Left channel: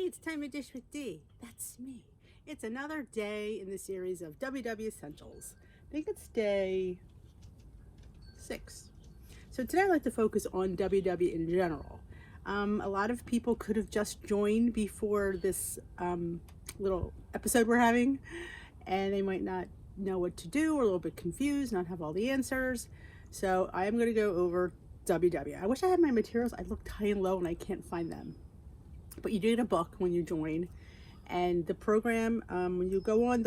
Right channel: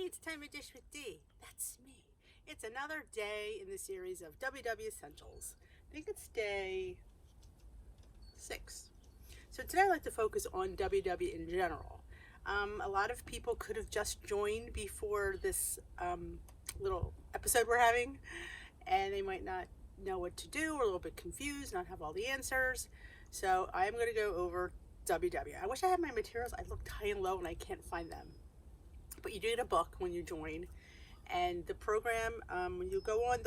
Hey, it's time to dish with D. That's me. It's another day in the series of WW Essentials. I think it's day 6. So today I'd like to focus on WW in general. A lot of people could have just joined before this little episode we're having, and they might not know what to do or a little bit confused, not have all the answers. So I am going to go over WW. I wish I had my materials. I looked high and low and I can't find them. But you do get a book when you join, and the program, when you go on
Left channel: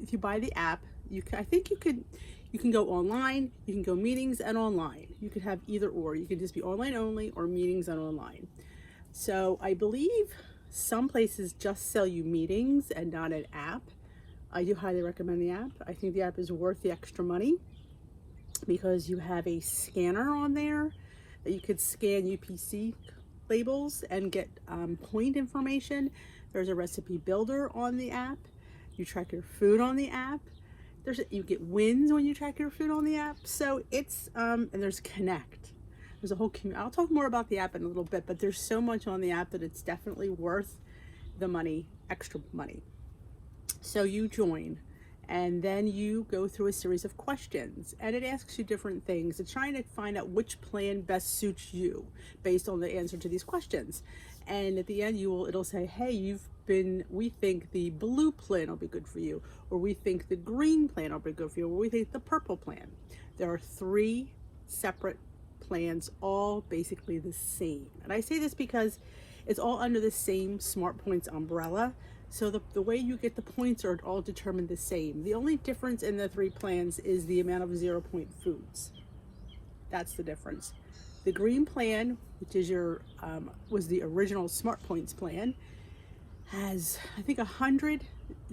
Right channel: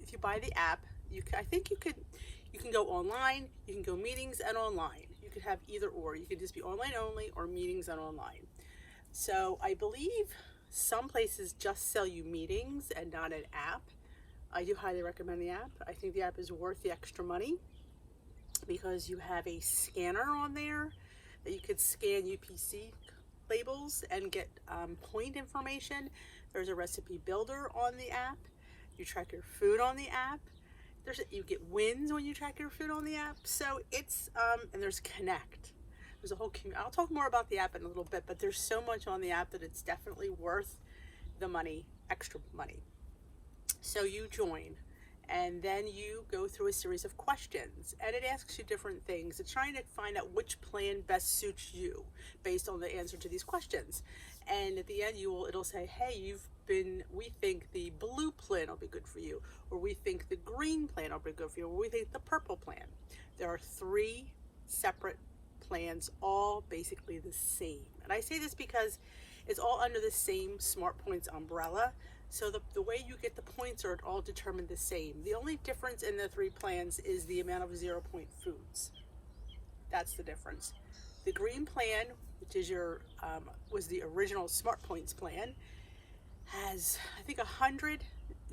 if you buy the app, you can go online, you can go meetings and online. You could have either or. You can just be online only or meetings and online. So I believe some places just sell you meetings and not an app. I do highly recommend the app. I think the app is worth the extra money because you have a scanner on there that you could scan UPC labels and get point information. There's a recipe builder on the app. You track your food on the app. You get wins when you track your food on the app. So it's and there's Connect. There's a whole community. I'll talk more about the app in a little bit, but there's so much on the app that it's definitely worth the money, extra money. So you join, and then you go through a series of questions, and it asks you different things. It's trying to find out which plan best suits you based on the answer to these questions. And at the end, it'll say, hey, we think the blue plan will be good for you, or we think the green plan will be good for you, or we think the purple plan. There are 3 separate plans, all basically the same. And I say this because it's all under the same Smart Points umbrella. So the way you get the points are all determined the same. The only difference in the 3 plans is the amount of 0-point foods. That's the difference. The green plan, which is was the original Smart Points plan, has I think 100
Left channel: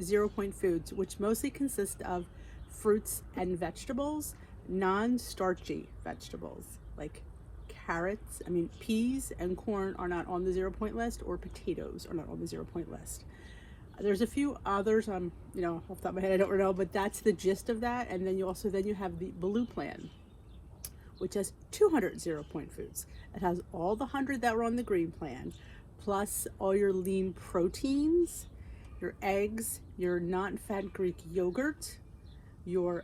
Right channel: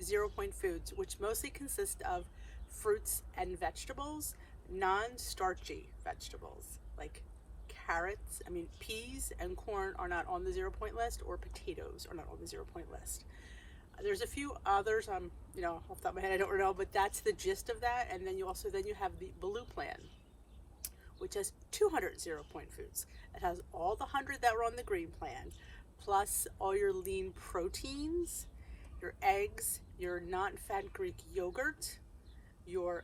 0-point foods, which mostly consist of fruits and vegetables, non-starchy vegetables like carrots. Peas and corn are not on the 0-point list, or potatoes are not on the 0-point list. There's a few others, off the top of my head, I don't know, but that's the gist of that. And then you have the blue plan, which has 200 0-point foods. It has all the 100 that were on the green plan, plus all your lean proteins, your eggs, your non-fat Greek yogurt, your,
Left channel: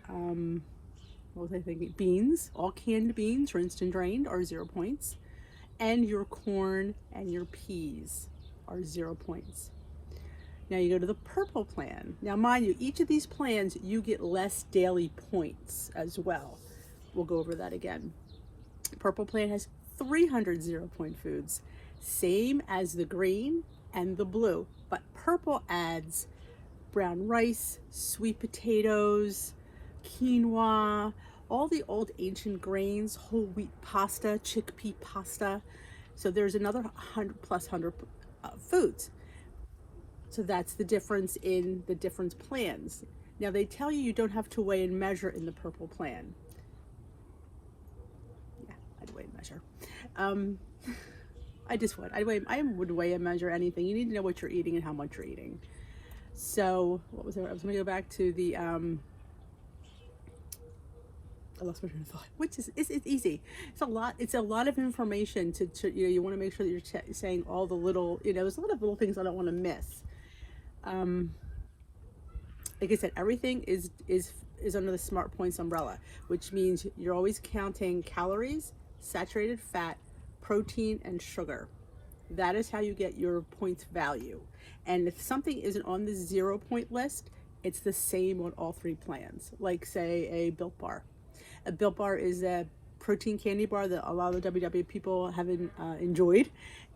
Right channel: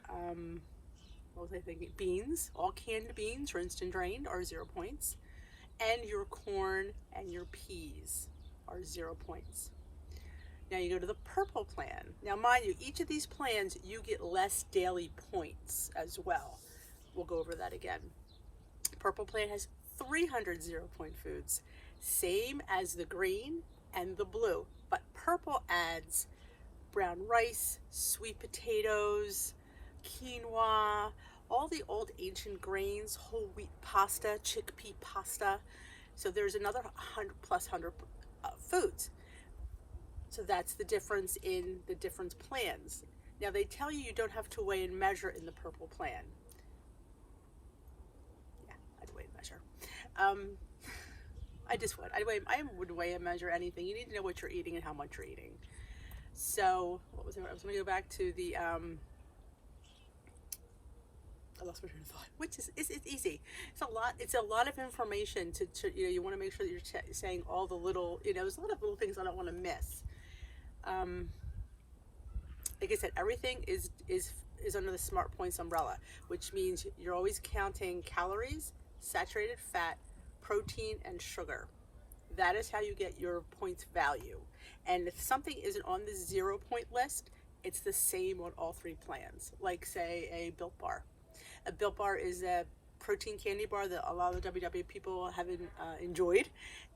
beans, all canned beans, rinsed and drained, are 0 points, and your corn and your peas are 0 points. Now you go to the purple plan. Now mind you, each of these plans, you get less daily points as well. We'll go over that again. Purple plan has 300 0-point foods, same as the green and the blue, but purple adds brown rice, sweet potatoes, quinoa, all the old ancient grains, whole wheat pasta, chickpea pasta. So there's another 100 foods. So that's the difference in the different plans. Now they tell you don't have to weigh and measure in the purple plan. Yeah, I'd weigh and measure. I just would. I would weigh and measure anything. You need to know what you're eating and how much you're eating. So what was it? I was going to go back to the I lost my train of thought. Which is it's easy. It's a lot of information to you want to make sure that you're saying all the little, there's a lot of little things I don't want to miss. Like I said, everything is under the Smart Points umbrella, which means you're always counting calories, saturated fat, protein, and sugar. That is how you get your points value. And if something isn't on the 0-point list, it's the same on all 3 plans. Like say a Built Bar. A Built Bar is a protein candy bar that a lot of the WW people haven't enjoyed,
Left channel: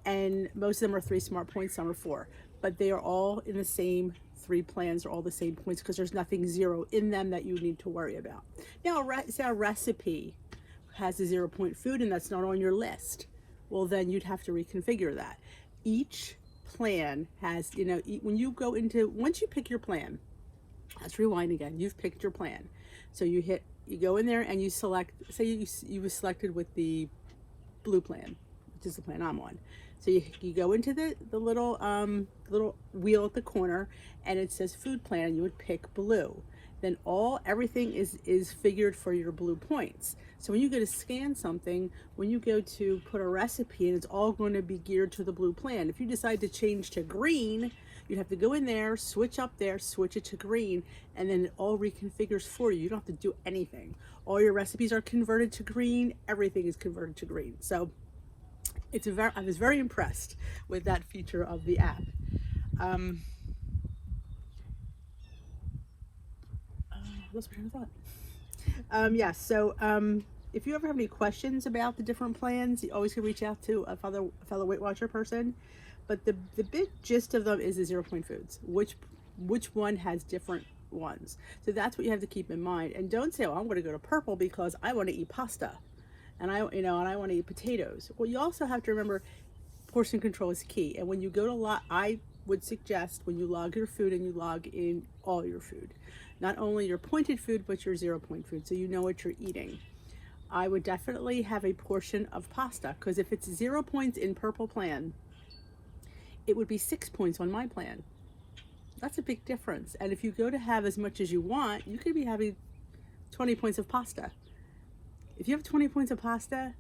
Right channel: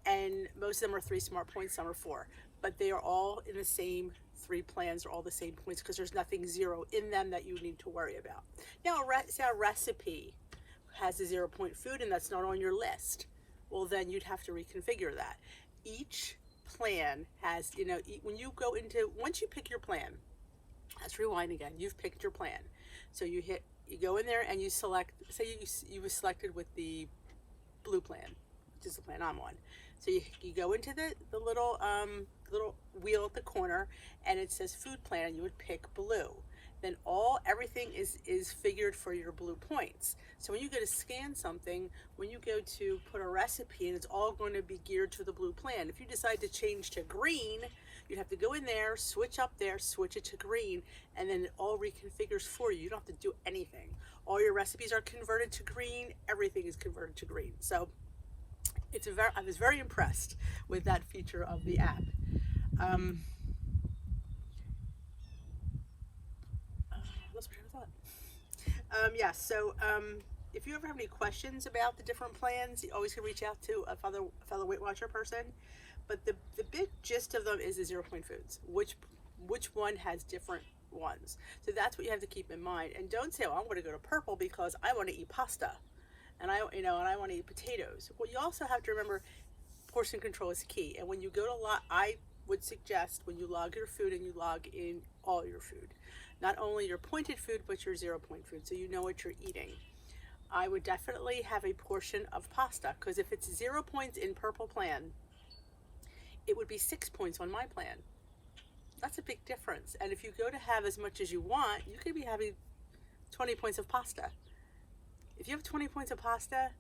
and most of them are 3 Smart Points, some are 4, but they are all in the same 3 plans, are all the same points, because there's nothing 0 in them that you need to worry about. Now say a recipe has a 0-point food and that's not on your list, well then you'd have to reconfigure that. Each plan has, when you go into, once you pick your plan, let's rewind again, you've picked your plan, so you go in there and you select, say you were selected with the blue plan, which is the plan I'm on. So you go into the little wheel at the corner, and it says food plan. You would pick blue. Then everything is figured for your blue points. So when you go to scan something, when you go to put a recipe, and it's all going to be geared to the blue plan. If you decide to change to green, you'd have to go in there, switch up there, switch it to green, and then it all reconfigures for you. You don't have to do anything. All your recipes are converted to green. Everything is converted to green. So I was very impressed with that feature of the app. Lost my train of thought. If you ever have any questions about the different plans, you always can reach out to a fellow Weight Watcher person. But the big gist of them is the 0 point foods. Which one has different ones? So that's what you have to keep in mind. And don't say, "Oh, I'm going to go to purple because I want to eat pasta, and I want to eat potatoes." Well, you also have to remember portion control is key. And when you go to I would suggest when you log your food and you log in all your food, not only your pointed food, but your 0 point food, so you know what you're eating. I would definitely have a portion of pasta, because if it's 0 points in purple plan, it would be 6 points on my plan. That's a big difference. And if you go to have as much as you want, you could be having 20 points of pasta. If you have 20 points of pasta,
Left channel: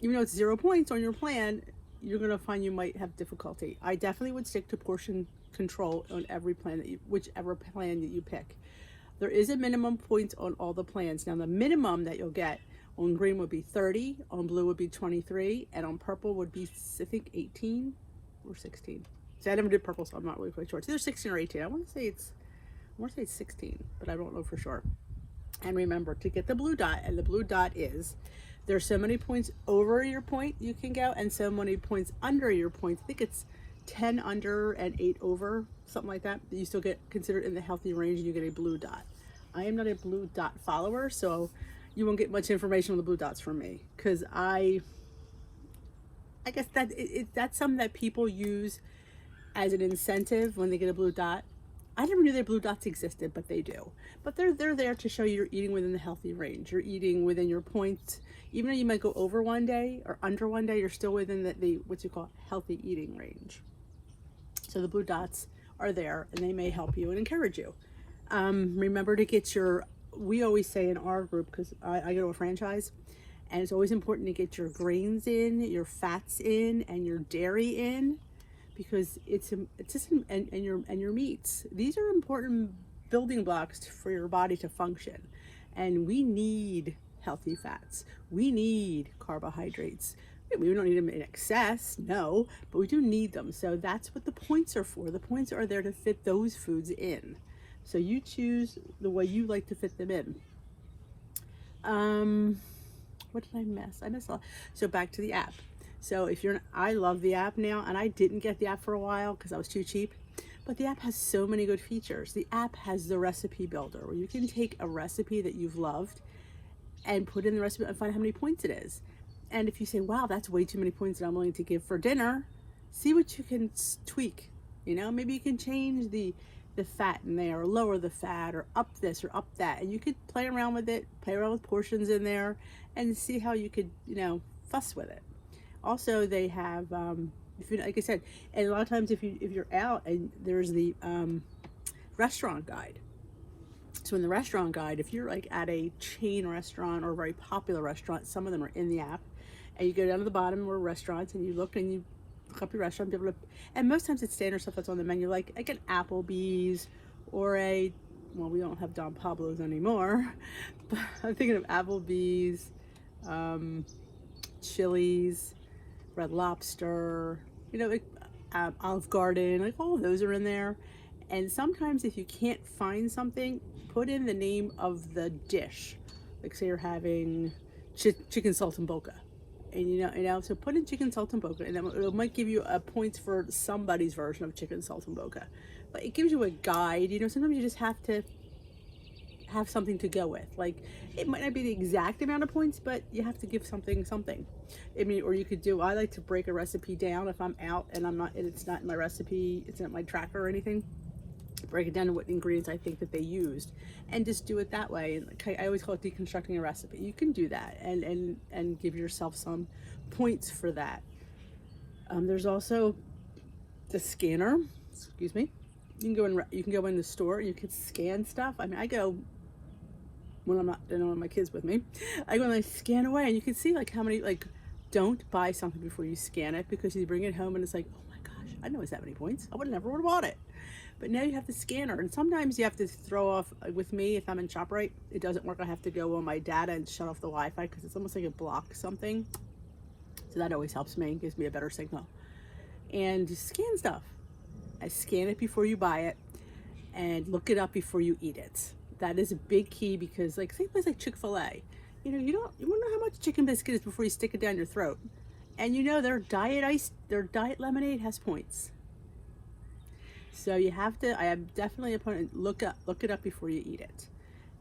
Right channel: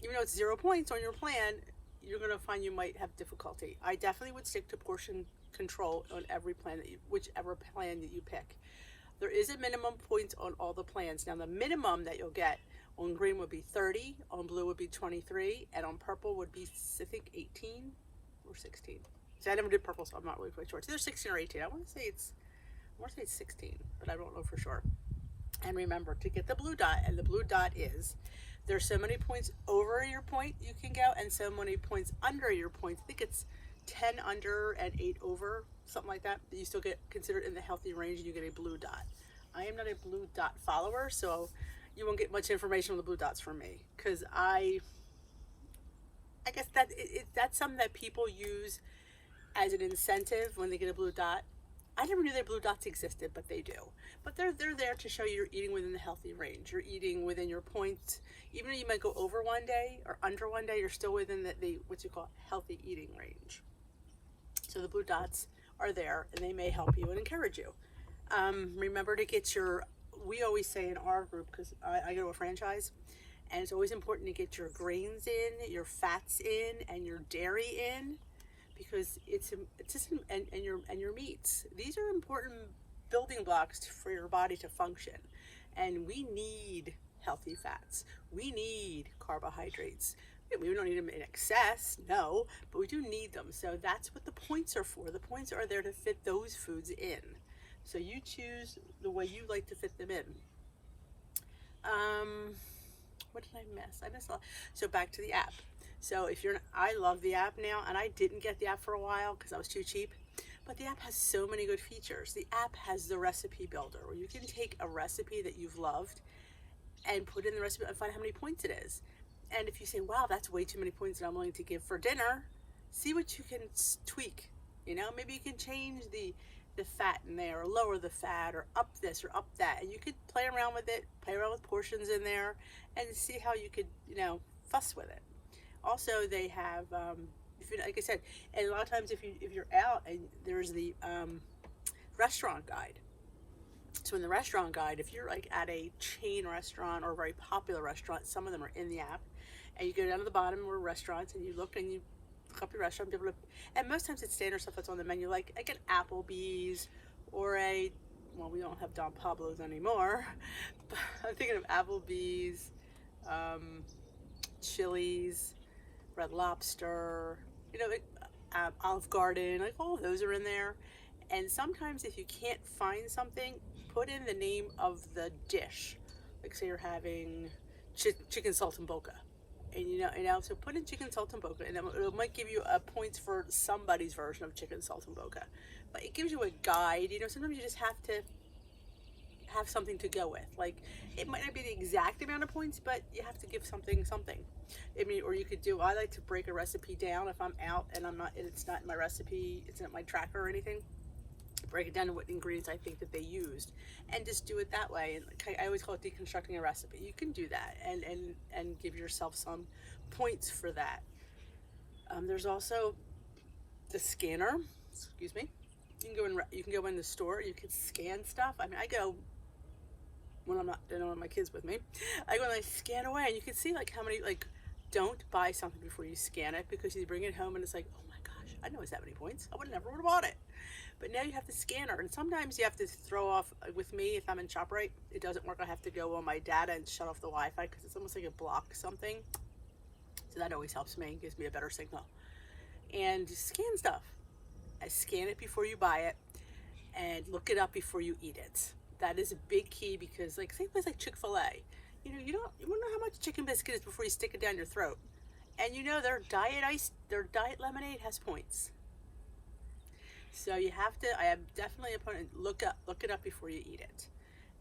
even though it's 0 points on your plan, you're going to find you might have difficulty. I definitely would stick to portion control on every plan whichever plan that you pick. There is a minimum points on all the plans. Now the minimum that you'll get on green would be 30, on blue would be 23, and on purple would be, I think, 18 or 16. See, I never did purple, so I'm not really quite sure. It's either 16 or 18. I want to say it's 16, but I don't know for sure. And remember to get the blue dot, and the blue dot is there's so many points over your point you can go, and so many points under your point. I think it's 10 under and 8 over, something like that. You still get considered in the healthy range, and you get a blue dot. I am not a blue dot follower, so you won't get much information on the blue dots from me, because I guess that's something that people use as an incentive when they get a blue dot. I never knew that blue dots existed, but they do. But they're there to show you're eating within the healthy range. You're eating within your points. Even though you might go over one day or under one day, you're still within the what you call healthy eating range. So the blue dots are there, and they may help you and encourage you. Remember to get we always say in our group, because I go to a franchise, and it's always important to get your grains in, your fats in, and your dairy in, because and your meats. These are important building blocks for your body to function, and we need healthy fats. We need carbohydrates. We don't need them in excess, no, but we do need them. So that's what the points are for. The points are there to fit those foods in. So you choose the way you like to fit them in. What did I miss? I missed a lot. So back to the app. So I love the app now, and I didn't get the app for a while because I was too cheap. But the app has so many good features. The app has the recipe builder, where you can take a recipe that you've loved and put in the recipe and find how many points it is. And if you say, wow, that's way too many points that I'm willing to give for dinner, see what you can tweak. Maybe you can change the fat in there, or lower the fat, or up this or up that. And you could play around with it, play around with portions in there, and see how you could, fuss with it. Also, they have, like I said, and a lot of times if you're out, and there's the restaurant guide. So in the restaurant guide, if you're like at a chain restaurant or a very popular restaurant, some of them are in the app, and you go down to the bottom where restaurants, and you look up your restaurant, and most times it's standard stuff that's on the menu, like an Applebee's or we don't have Don Pablo's anymore, but I'm thinking of Applebee's, Chili's, Red Lobster, Olive Garden, like all of those are in there. And sometimes if you can't find something, put in the name of the dish. Like say you're having chicken saltimbocca, and so put in chicken saltimbocca, and then it might give you points for somebody's version of chicken saltimbocca. But it gives you a guide. Sometimes you just have to have something to go with. Like it might not be the exact amount of points, but you have to give something. Or you could I like to break a recipe down if I'm out and it's not in my recipe, it's not my tracker or anything. Break it down to what ingredients I think that they used, and just do it that way. And I always call it deconstructing a recipe. You can do that and give yourself some points for that. There's also the scanner. Excuse me. You can go in the store. You can scan stuff. I go when I'm not, I don't have my kids with me, I go and I scan away, and you can see like how many, like, don't buy something before you scan it, because you bring it home and it's like, oh my gosh, I know it's that many points. I would never would have bought it. But now you have the scanner, and sometimes you have to throw off, with me, if I'm in ShopRite, it doesn't work. I have to go on my data and shut off the Wi-Fi, because it's almost like it blocks something. So that always helps me, gives me a better signal. And you scan stuff. I scan it before you buy it, and look it up before you eat it. That is a big key, because like, say place like Chick-fil-A, you won't know how much chicken biscuit is before you stick it down your throat. And you know their diet lemonade has points. So you have to, I am definitely a opponent, look it up before you eat it.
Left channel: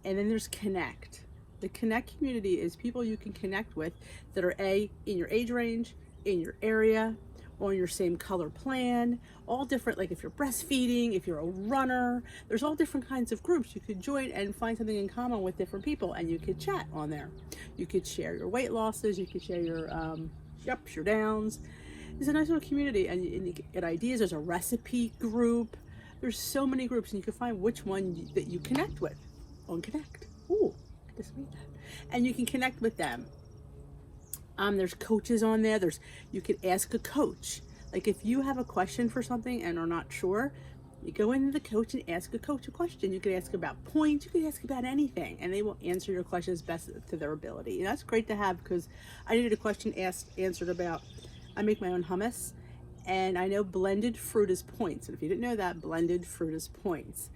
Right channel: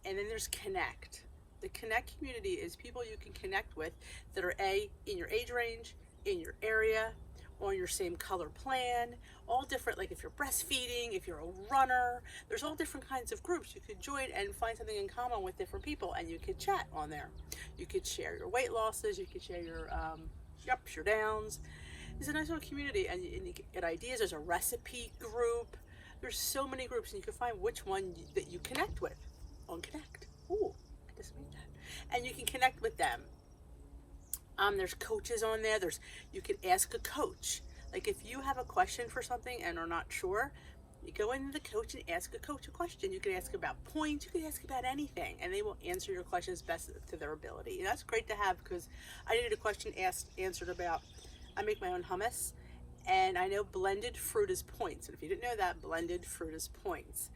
And then there's Connect. The Connect community is people you can connect with that are in your age range, in your area, on your same color plan, all different, like if you're breastfeeding, if you're a runner, there's all different kinds of groups you could join and find something in common with different people, and you could chat on there. You could share your weight losses, you could share your ups, your downs. It's a nice little community, and you get ideas. There's a recipe group. There's so many groups, and you can find which one that you connect with on Connect. Ooh, I just made that. And you can connect with them. There's coaches on there. You could ask a coach. Like if you have a question for something and are not sure, you go into the coach and ask a coach a question. You could ask about points. You could ask about anything, and they will answer your questions best to their ability. And that's great to have, because I needed a question answered about, I make my own hummus, and I know blended fruit is points. And if you didn't know that, blended fruit is points.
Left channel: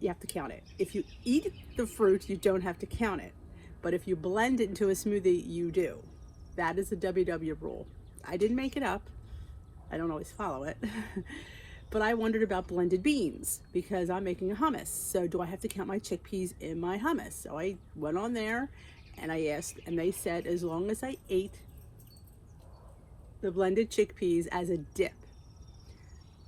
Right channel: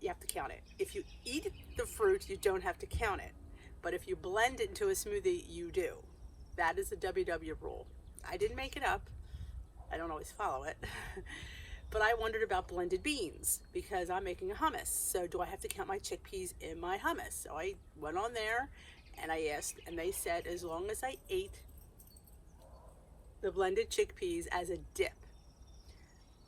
You have to count it. If you eat the fruit, you don't have to count it. But if you blend it into a smoothie, you do. That is the WW rule. I didn't make it up. I don't always follow it. But I wondered about blended beans, because I'm making a hummus. So do I have to count my chickpeas in my hummus? So I went on there and I asked, and they said as long as I ate the blended chickpeas as a dip.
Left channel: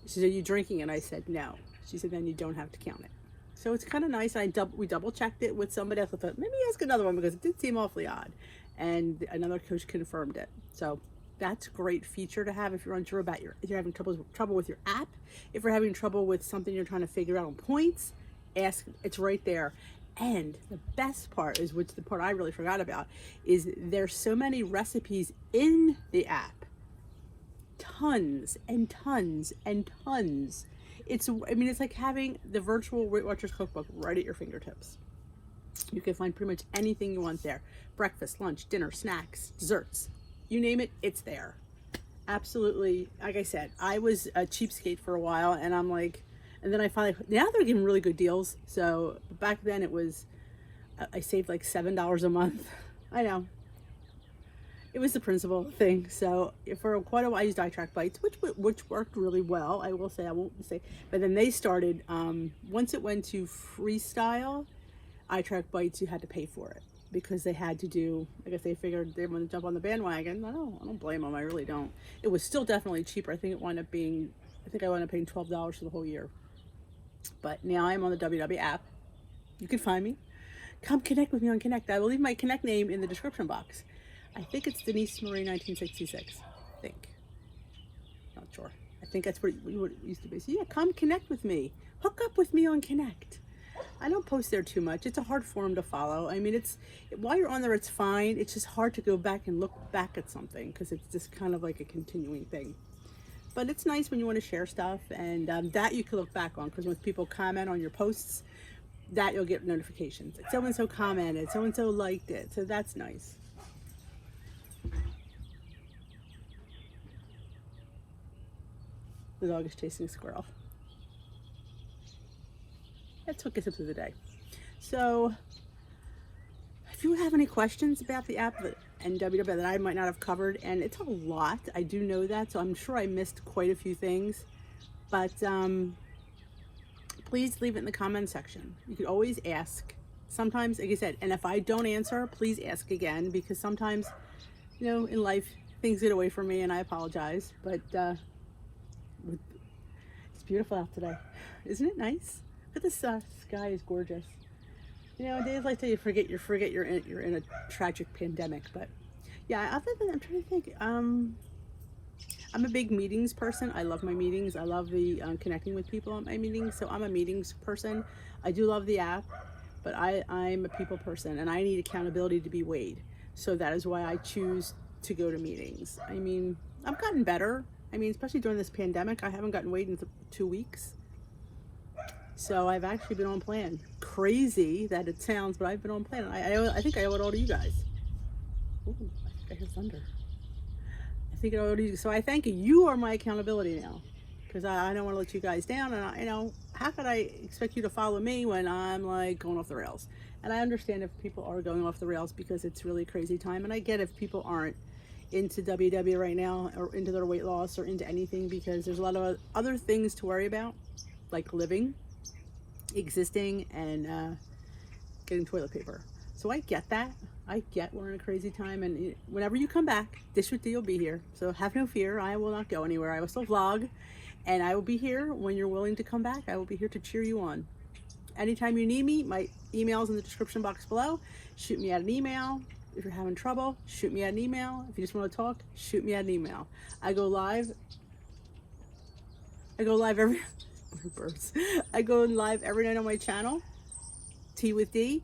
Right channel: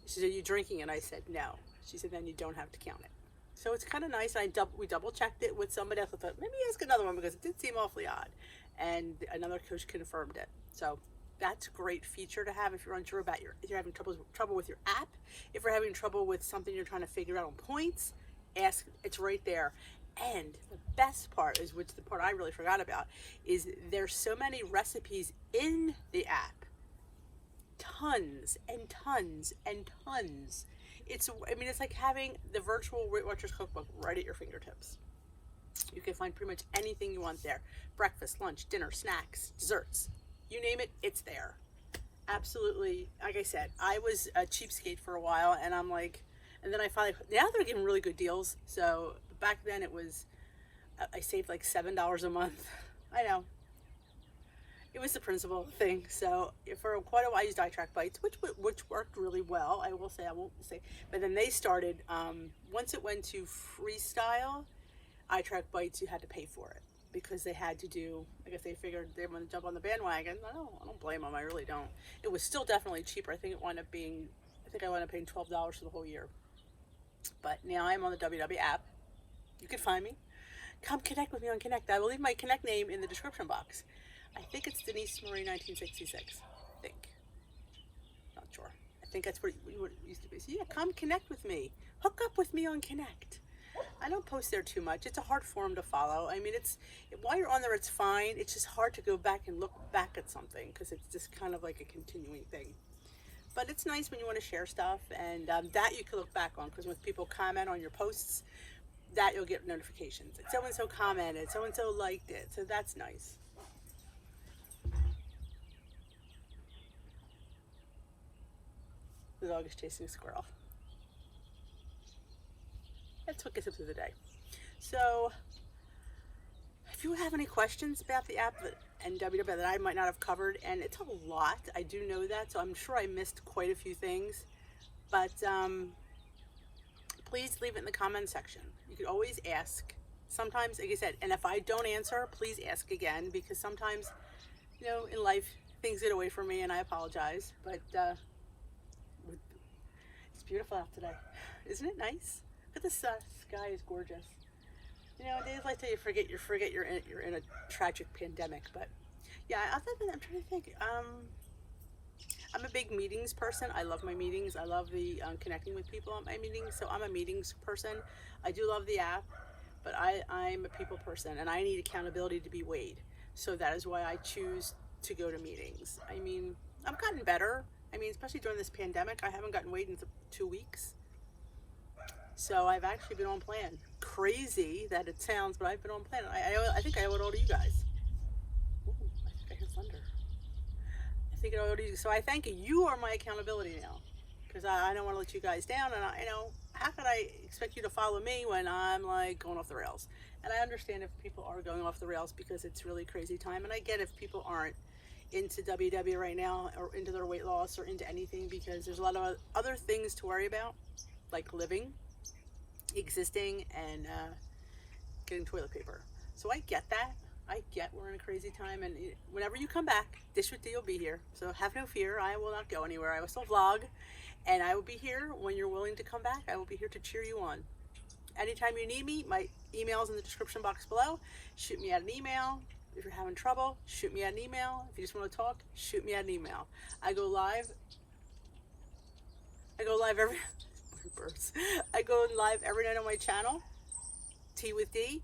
She said, are you drinking it? I said, no. She said, then you don't have to count it. So it's kind of nice. We double checked it with somebody else. I thought, maybe ask another one, because it did seem awfully odd. And another coach confirmed it. So that's a great feature to have if you're unsure about if you're having trouble with your app, if you're having trouble with something you're trying to figure out on points, ask. It's right there. And the best part is, which the part I really forgot about, is there's so many recipes in the app. Tons and tons and tons. It's like having the virtual Weight Watchers cookbook right at your fingertips. You can find pretty much anything you want there. Breakfast, lunch, dinner, snacks, desserts. You name it, it's there. Absolutely. Like I said, I was a cheapskate for a while, and I'm like, and then I finally, now they're giving really good deals. So back then it was, I saved like $7 a month. I know. It was the principal thing. So for quite a while I used iTrack Bites, which worked really well. I will say, I won't say, but then they started, once it went to freestyle, iTrack Bites, you had to pay for it, because they had to do, I guess they figured they want to jump on the bandwagon. No, I don't blame them. I really don't. It was still definitely cheaper. I think I wound up paying $12 for the whole year. But now I'm on the WW app. You can find me. Come connect with me on Connect. I will leave my Connect name in the description box. I think it's Denise Marie 1966. I think. Not sure. I think that's what it used to be. So yeah, come connect with me. Hook up with me on Connect. I don't post there too much. It's a hard forum to follow. I mean, while you're on there, it's fine. It's just hard to go back and look back at something, because it's just kind of like a continuing thing. But it's nice when you want to share stuff, and that you can look back on, because when people comment on your posts, that you'll get notifications. Like so-and-so commented, so-and-so liked it. So that's nice. The dog is chasing a squirrel. That's what gets up to the day. So if you have any questions about the app and WW that I might not have covered, and it's a lot, I do know that, so I'm sure I missed quite a few things, but please leave it in the comment section. You could always ask. Sometimes, like I said, and if I don't answer, please ask again, because sometimes, in life, things get away from me, and I apologize, but it's beautiful out today. Isn't it nice? But the sky is gorgeous. Days like that, you forget you're in a tragic pandemic. But yeah, other than that, I'm trying to think. I'm a big meetings person. I love my meetings. I love the connecting with people at my meetings. So I'm a meetings person. I do love the app, but I'm a people person and I need accountability to be weighed. So that is why I choose to go to meetings. I mean, I've gotten better. I mean, especially during this pandemic, I haven't gotten weighed in 2 weeks. So I've actually been on plan. Crazy that it sounds, but I've been on plan. I think I owe it all to you guys. Ooh, I think I hear thunder. I think I owe it to you. So I thank you. You are my accountability now, because I don't want to let you guys down. And you know, how could I expect you to follow me when I'm like going off the rails? And I understand if people are going off the rails because it's really crazy time. And I get if people aren't into WW right now or into their weight loss or into anything, because there's a lot of other things to worry about, like living, existing, and getting toilet paper. So I get that. I get we're in a crazy time, and whenever you come back, Dish with D will be here. So have no fear. I will not go anywhere. I will still vlog, and I will be here when you're willing to come back. I will be here to cheer you on. Anytime you need me, my email's in the description box below. Shoot me out an email. If you're having trouble, shoot me out an email. If you just want to talk, shoot me out an email. I go live every birds. I go live every night on my channel, Tea with D,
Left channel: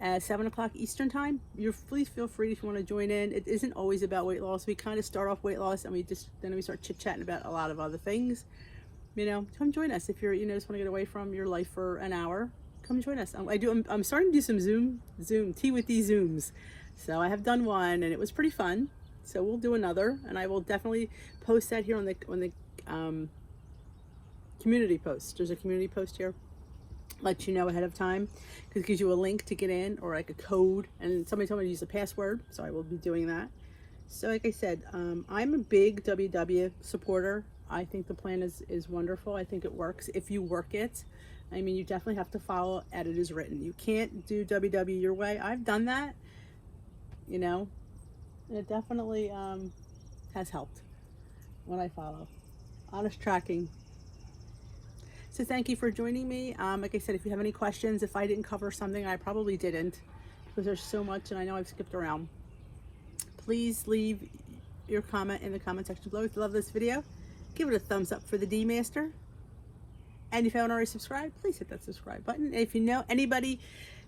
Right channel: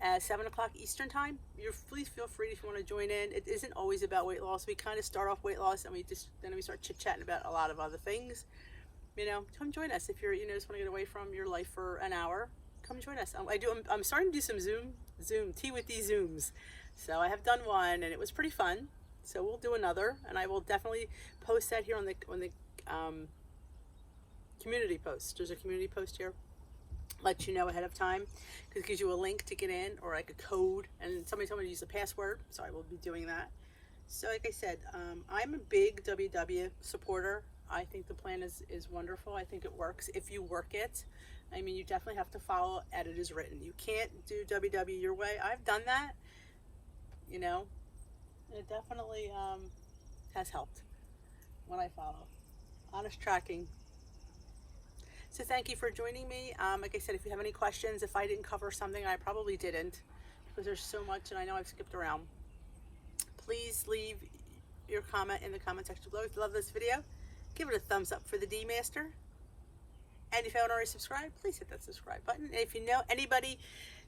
at 7 o'clock Eastern time. Please feel free if you want to join in. It isn't always about weight loss. We kind of start off weight loss, and then we start chit-chatting about a lot of other things. You know, come join us if you're, just want to get away from your life for an hour. Come join us. I'm starting to do some Zoom Tea with D Zooms. So I have done one, and it was pretty fun. So we'll do another, and I will definitely post that here on the community post. There's a community post here. Let you know ahead of time, because it gives you a link to get in, or like a code, and somebody told me to use a password, so I will be doing that. So like I said, I'm a big WW supporter. I think the plan is wonderful. I think it works if you work it. I mean, you definitely have to follow as it is written. You can't do WW your way. I've done that, and it definitely has helped when I follow. Honest tracking. So thank you for joining me. Like I said, if you have any questions, if I didn't cover something, I probably didn't, because there's so much and I know I've skipped around. Please leave your comment in the comment section below. If you love this video, give it a thumbs up for the D Master. And if you haven't already subscribed, please hit that subscribe button. And if you know anybody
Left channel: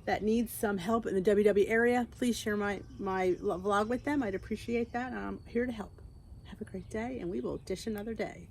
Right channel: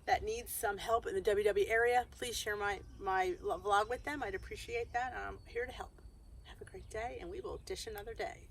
that needs some help in the WW area, please share my vlog with them. I'd appreciate that. I'm here to help. Have a great day, and we will dish another day.